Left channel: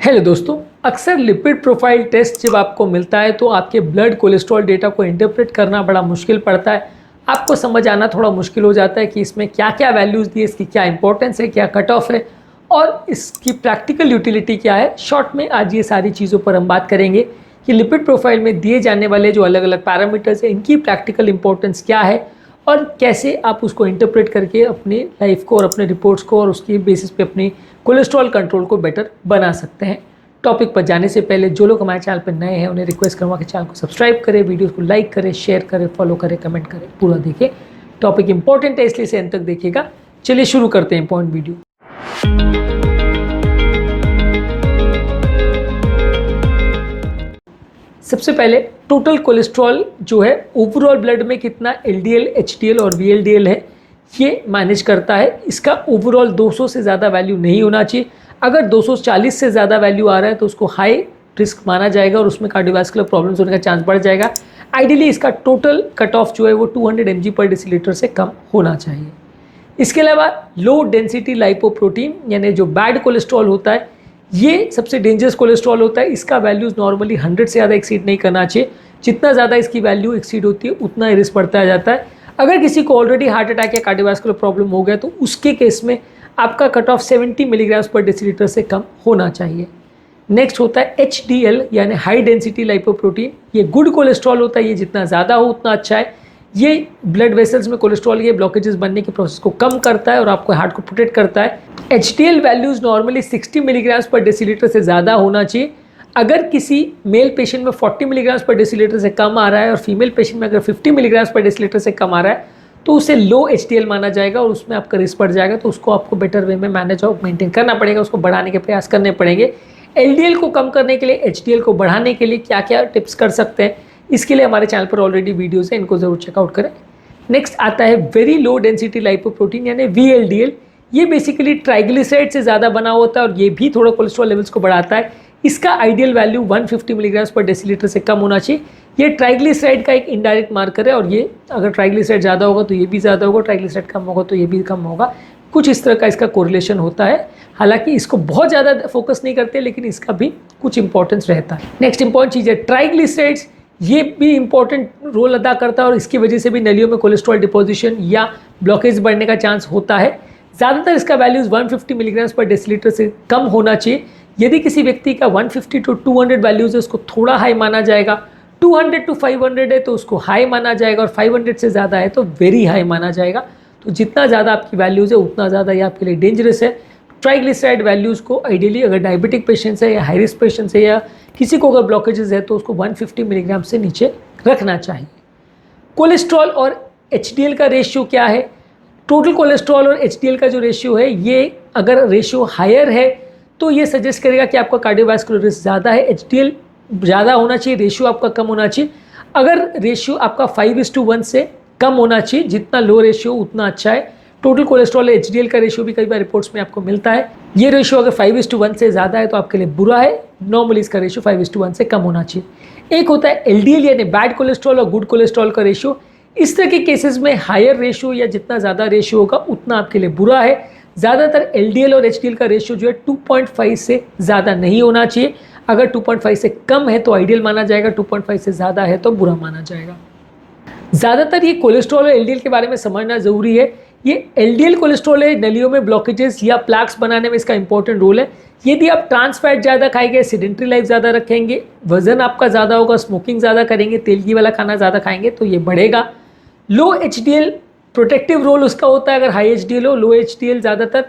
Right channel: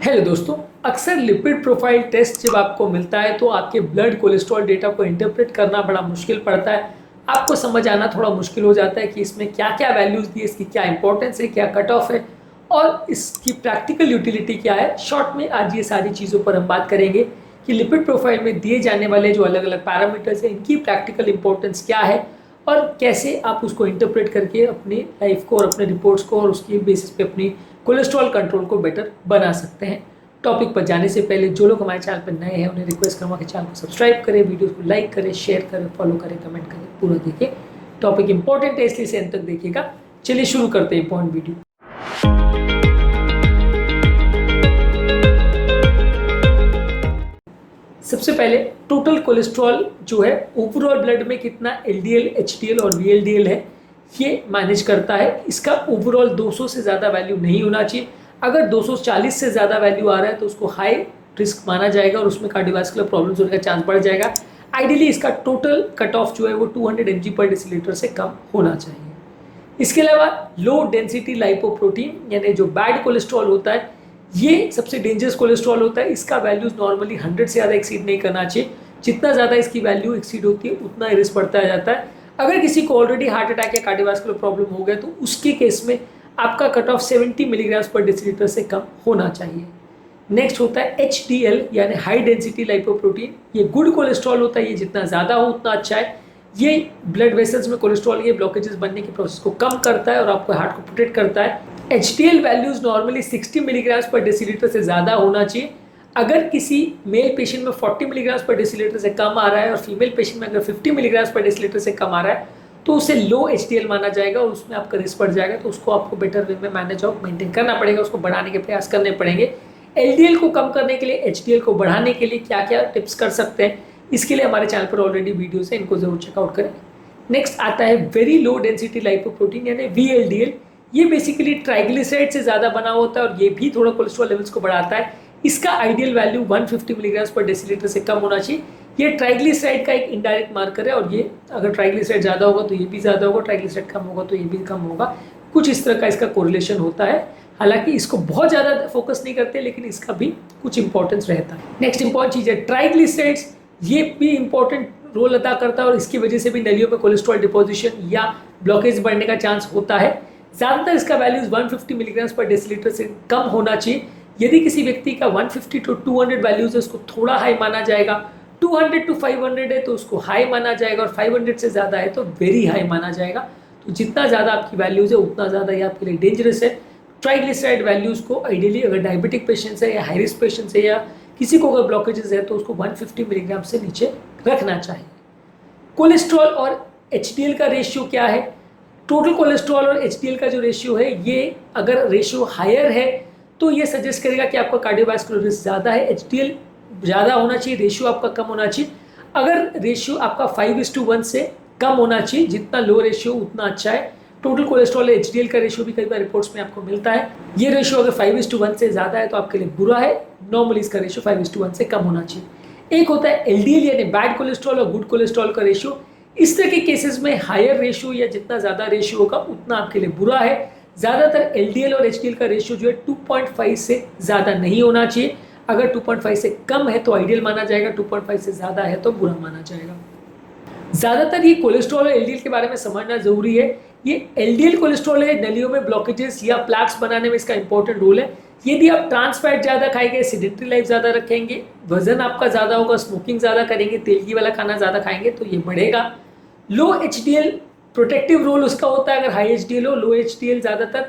Hello दोस्तों, अक्सर lipid profile test जब आपको मिलता है तो आपके ब्लड कोलेस्ट्रॉल डेटा को इंटरप्रेट करना बड़ा मुश्किल पड़ता है। आपको समझ आना थोड़ा मुश्किल हो जाता है कि इसमें क्या क्या वैल्यूज़ दी है, इसकी क्या इंपॉर्टेंस है, क्या कट ऑफ है और इसकी प्रैक्टिकल यूटिलिटी क्या है। शॉर्ट में आज ये सारी चीज़ों पर हम बात करेंगे कि लिपिड प्रोफाइल में दिए जाने वाले जो अलग अलग पैरामीटर्स हैं इनकी प्रैक्टिकल इंपॉर्टेंस क्या है और कैसे आप उसको इंटरप्रेट करके अपनी लाइफ को और अपने रिपोर्ट्स को और उसकी बेसिस पे अपनी कोलेस्ट्रॉल कंट्रोल को बेटर बना सकते हैं। टॉपिक पर जाने से पहले जो लोग हमारे चैनल पर नए हैं उन्हें रिक्वेस्ट करूँगा कि चैनल को सब्सक्राइब करें, वीडियो को लाइक करें, शेयर करें, फॉलो करें, कमेंट करें, पूरा देखें। टॉपिक इंपॉर्टेंट है इसलिए इसे अंत तक देखिएगा। चलिए शुरू करते हैं इंपॉर्टेंट वीडियो। सबसे पहले टोटल कोलेस्ट्रॉल जो है ओवरऑल ब्लड में कितना एलडीएल, एचडीएल और वीएलडीएल है ये मैनेज करता है। इसका ओवरऑल 200 से ज़्यादा वैल्यू नहीं होना चाहिए। अगर 240 से ज़्यादा वैल्यू आ रहा है तो उसको हाई रिस्क माना जाएगा और उसमें कार्डियोवास्कुलर प्रॉब्लम्स होने का चांस बढ़ जाएगा। आइडियली इसका टोटल कट ऑफ जो है वो 200 mg पर डेसीलीटर से कम होना चाहिए। इसके अलावा लो डेंसिटी लाइपोप्रोटीन यानी जो बैड कोलेस्ट्रॉल होता है ये सबसे डेंजरस कोलेस्ट्रॉल होता है। इसका वैल्यूज़ नॉर्मली 100 से ज़्यादा एक्सीड नहीं करना चाहिए। जितना ज़्यादा इसकी वैल्यू एक्सीड होती है उतना ही रिस्क बढ़ता जाता है। अगर किसी को ऑलरेडी हार्ट अटैक या कार्डियोवास्कुलर प्रॉब्लम हो गया तो उसके केस में आपका कट ऑफ 70 मिलीग्राम पर डेसीलीटर से कम होना चाहिए। नेक्स्ट होता है HDL यानी हाई डेंसिटी लाइपोप्रोटीन। ये गुड कोलेस्ट्रॉल होता है, ये जितना ज़्यादा हो उतना अच्छा है। ये ब्लड वेसल्स में कोलेस्ट्रॉल के ब्लॉकेजेस बनने के प्रोसेस को कम करता है और आपको हार्ट को प्रोटेक्ट करता है। HDL वैल्यूज़ नॉर्मली 60 मिलीग्राम पर डेसीलीटर से ज़्यादा होना चाहिए। अगर किसी मेल पेशेंट में 40 मिलीग्राम पर डेसीलीटर से कम आ रहा है और फीमेल पेशेंट में अगर 50 मिलीग्राम पर डेसीलीटर से कम आ रहा है तो उसे लो HDL माना जाएगा और उसमें आपका रिस्क बढ़ जाएगा। तो उसको आपको बेटर वे में मैनेज और मेंटेन करना पड़ेगा, उसको बढ़ाने के प्रयास करने पड़ेंगे। LDL को कम करने के लिए, HDL को बढ़ाने के लिए क्या क्या टिप्स कर सकते हैं इसके लिए हमारे चैनल पर ऑलरेडी वीडियोज़ हैं, इनको ज़रूर चेकआउट करें। नेक्स्ट आता है वेरी लो डेंसिटी लाइपोप्रोटीन यानी VLDL। ये बेसिकली ट्राइग्लिसराइड से ज़्यादा बना होता है और ये भी थोड़ा कोलेस्ट्रॉल लेवल्स को बढ़ाता है। इसका आइडियल वैल्यू 150 मिलीग्राम पर डेसीलीटर से कम होना चाहिए। ये ट्राइग्लिसराइड का एक इनडायरेक्ट मार्कर है और ये अगर ट्राइग्लिसराइड ज़्यादा होगा तो ये भी ज़्यादा होगा, ट्राइग्लिसराइड कम होगा तो ये भी कम होगा। कुछ इस तरह का इसका कोरिलेशन होता है। हालांकि इसको बहुत ज़्यादा फोकस नहीं करते लेकिन इसका भी कुछ इंपॉर्टेंस रहता है। नेक्स्ट इंपॉर्टेंट चीज़ है ट्राइग्लिसराइड्स। ये भी इंपॉर्टेंट रोल अदा करता है और इसकी वजह से भी नलियों में कोलेस्ट्रॉल डिपोजिशन या ब्लॉकेज बढ़ने का चांस होता है। ज़्यादातर इसका वैल्यूज़ 150 मिलीग्राम पर डेसीलीटर से कम होना चाहिए। यदि किसी व्यक्ति का 150 to 200 वैल्यूज़ है उसको थोड़ा हाई माना जाएगा। 200 to 500 है तो उसको हाई माना जाएगा और 500 से ज़्यादा है तो वेरी हाई माना जाएगा। तो जितना ज़्यादा आपकी वैल्यूज़ है उतना ज़्यादा ये आपके लिए डेंजरस है। ट्राइग्लिसराइड वैल्यूज़ को आइडियली अगर डायबिटिक पेशेंट्स है या हाई रिस्क पेशेंट्स है या किसी को अगर ब्लॉकेजेस है तो उसको 150 मिलीग्राम से नीचे रखना चाहिए। कोलेस्ट्रॉल और HDL का रेशियो क्या है? टोटल कोलेस्ट्रॉल और HDL का जो रेशियो है ये अगर रेशियो हायर है तो ये सजेस्ट करेगा कि आपका कार्डियोवास्कुलर रिस्क ज़्यादा है। HDL ज़्यादा होना चाहिए, रेशियो आपका कम होना चाहिए। अगर रेशियो आपका 5:1 से कम होना चाहिए, जितना लो रेशियो उतना अच्छा है। टोटल कोलेस्ट्रॉल HDL का रेशियो भी कई बार रिपोर्ट्स में आपको मिलता है। ये रेशियो अगर 5:1 से ज़्यादा है तो आपके लिए बुरा है। नॉर्मली इसका रेशियो 5:1 से कम होना चाहिए। एक होता है LDL यानी बैड कोलेस्ट्रॉल और गुड कोलेस्ट्रॉल का रेशियो। इस तरह के केसेस में हायर रेशियो या जितना ज़्यादा रेशियो होगा उतना आपके लिए बुरा है। ज़्यादातर LDL और HDL का रेशियो जो है 2.5 से ज़्यादा नहीं होना चाहिए। अगर 2.5 से कम है तो आइडियल माना जाएगा, 2.5 से ज़्यादा है तो बुरा माना जाएगा। ज़्यादातर ये कोलेस्ट्रॉल और LDL के बारे में समझना ज़रूरी है। ये LDL कोलेस्ट्रॉल है, नलियों में ब्लॉकेजेस या प्लैक्स बनाने में इसका इंपॉर्टेंट रोल है। यदि आप ट्रांस फैट ज़्यादा खाएंगे, सीडेंट्री लाइफ ज़्यादा रखेंगे, वजन आपका ज़्यादा होगा, स्मोकिंग ज़्यादा करेंगे, तेलगी वाला खाना ज़्यादा खाएंगे तो ये बढ़ेगा। लो HDL प्रोटेक्टिव रोल उसका होता है अगर हाई HDL हो। लो HDL ज़्यादातर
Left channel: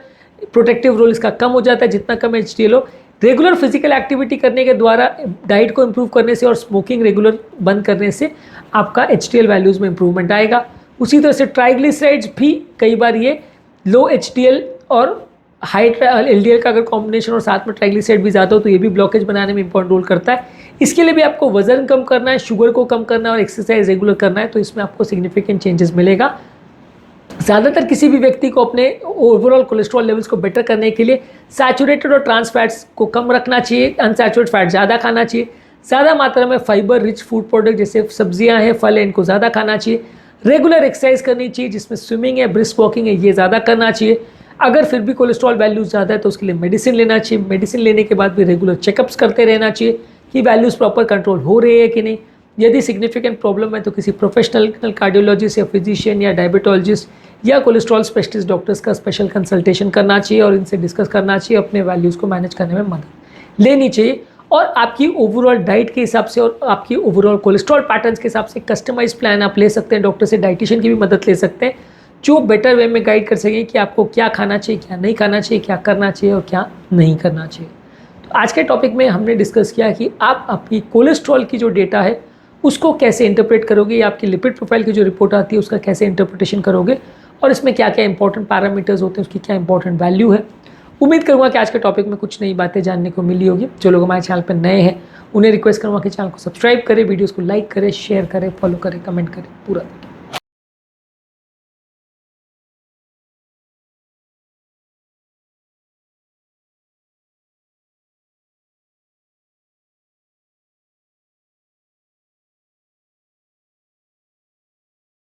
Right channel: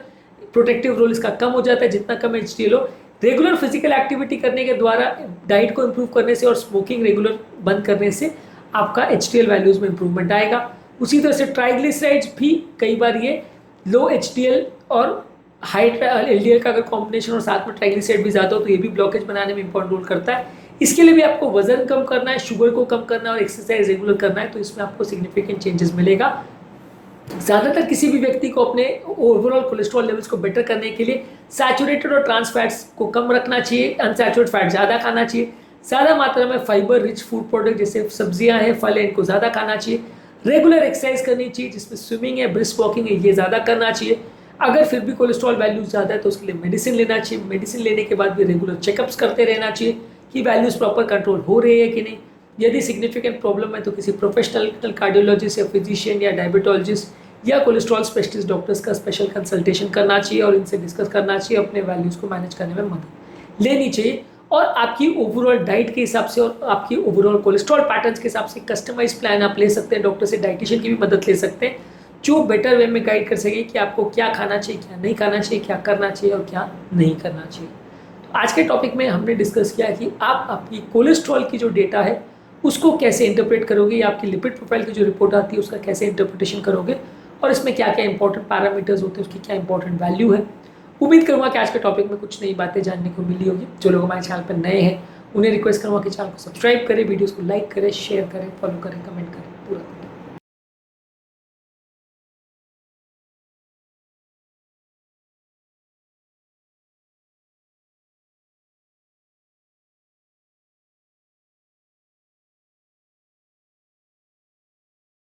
प्रोटेक्टिव रोल इसका कम हो जाता है जितना कम HDL हो। रेगुलर फिजिकल एक्टिविटी करने के द्वारा, डाइट को इम्प्रूव करने से और स्मोकिंग रेगुलर बंद करने से आपका HDL वैल्यूज़ में इंप्रूवमेंट आएगा। उसी तरह से ट्राइग्लिसराइड्स भी कई बार ये लो HDL और हाई LDL का अगर कॉम्बिनेशन और साथ में ट्राइग्लिसराइड भी ज़्यादा हो तो ये भी ब्लॉकेज बनाने में इंपॉर्टेंट रोल करता है। इसके लिए भी आपको वजन कम करना है, शुगर को कम करना है और एक्सरसाइज रेगुलर करना है तो इसमें आपको सिग्निफिकेंट चेंजेस मिलेगा। ज़्यादातर किसी भी व्यक्ति को अपने ओवरऑल कोलेस्ट्रॉल लेवल्स को बेटर करने के लिए सैचुरेटेड और ट्रांस फैट्स को कम रखना चाहिए, अनसैचुरेटेड फैट ज़्यादा खाना चाहिए, ज़्यादा मात्रा में फाइबर रिच फूड प्रोडक्ट जैसे सब्जियां हैं, फल हैं, इनको ज़्यादा खाना चाहिए, रेगुलर एक्सरसाइज करनी चाहिए जिसमें स्विमिंग है, ब्रिस्क वॉकिंग है, ये ज़्यादा करना चाहिए। अगर फिर भी कोलेस्ट्रॉल वैल्यूज ज़्यादा है तो उसके लिए मेडिसिन लेना चाहिए। मेडिसिन लेने के बाद भी रेगुलर चेकअप्स करते रहना चाहिए कि वैल्यूज़ प्रॉपर कंट्रोल हो रही है कि नहीं। यदि सिग्निफिकेंट प्रॉब्लम है तो किसी प्रोफेशनल कार्डियोलॉजिस्ट या फिजिशियन या डायबिटोलॉजिस्ट या कोलेस्ट्रॉल स्पेशलिस्ट डॉक्टर्स का स्पेशल कंसल्टेशन करना चाहिए और इनसे डिस्कस करना चाहिए, अपने वैल्यूज़ को मैनेज करने में मदद लेनी चाहिए। और आपकी ओवरऑल डाइट के हिसाब से और आपकी ओवरऑल कोलेस्ट्रॉल पैटर्न्स के हिसाब से कस्टमाइज प्लान आप ले सकते हैं। डॉक्टर से डाइटिशियन की भी मदद ले सकते हैं जो बेटर वे में गाइड कर सकें कि आपको क्या खाना चाहिए, क्या नहीं खाना चाहिए, क्या करना चाहिए और क्या नहीं करना चाहिए। तो आज के टॉपिक में हमने डिस्कस किया कि आप आपकी कोलेस्ट्रॉल की जो डेटा है उसको कैसे इंटरप्रेट करोगे, या आपकी लिपिड प्रोफाइल की जो रिपोर्ट आती है उसका कैसे इंटरप्रिटेशन करोगे, और इसमें क्या क्या इंपॉर्टेंट पैरामीटर्स होते हैं, उसकी क्या इंपॉर्टेंट वैल्यू है। उम्मीद करूँगा कि आज के टॉपिक में कुछ नई बातें जानने को मिली होगी। जो लोग हमारे चैनल पर नए हैं उन्हें रिक्वेस्ट करूँगा कि चैनल को सब्सक्राइब करें, वीडियोज़ को लाइक करें, शेयर करें, फॉलो करें, कमेंट करें, पूरा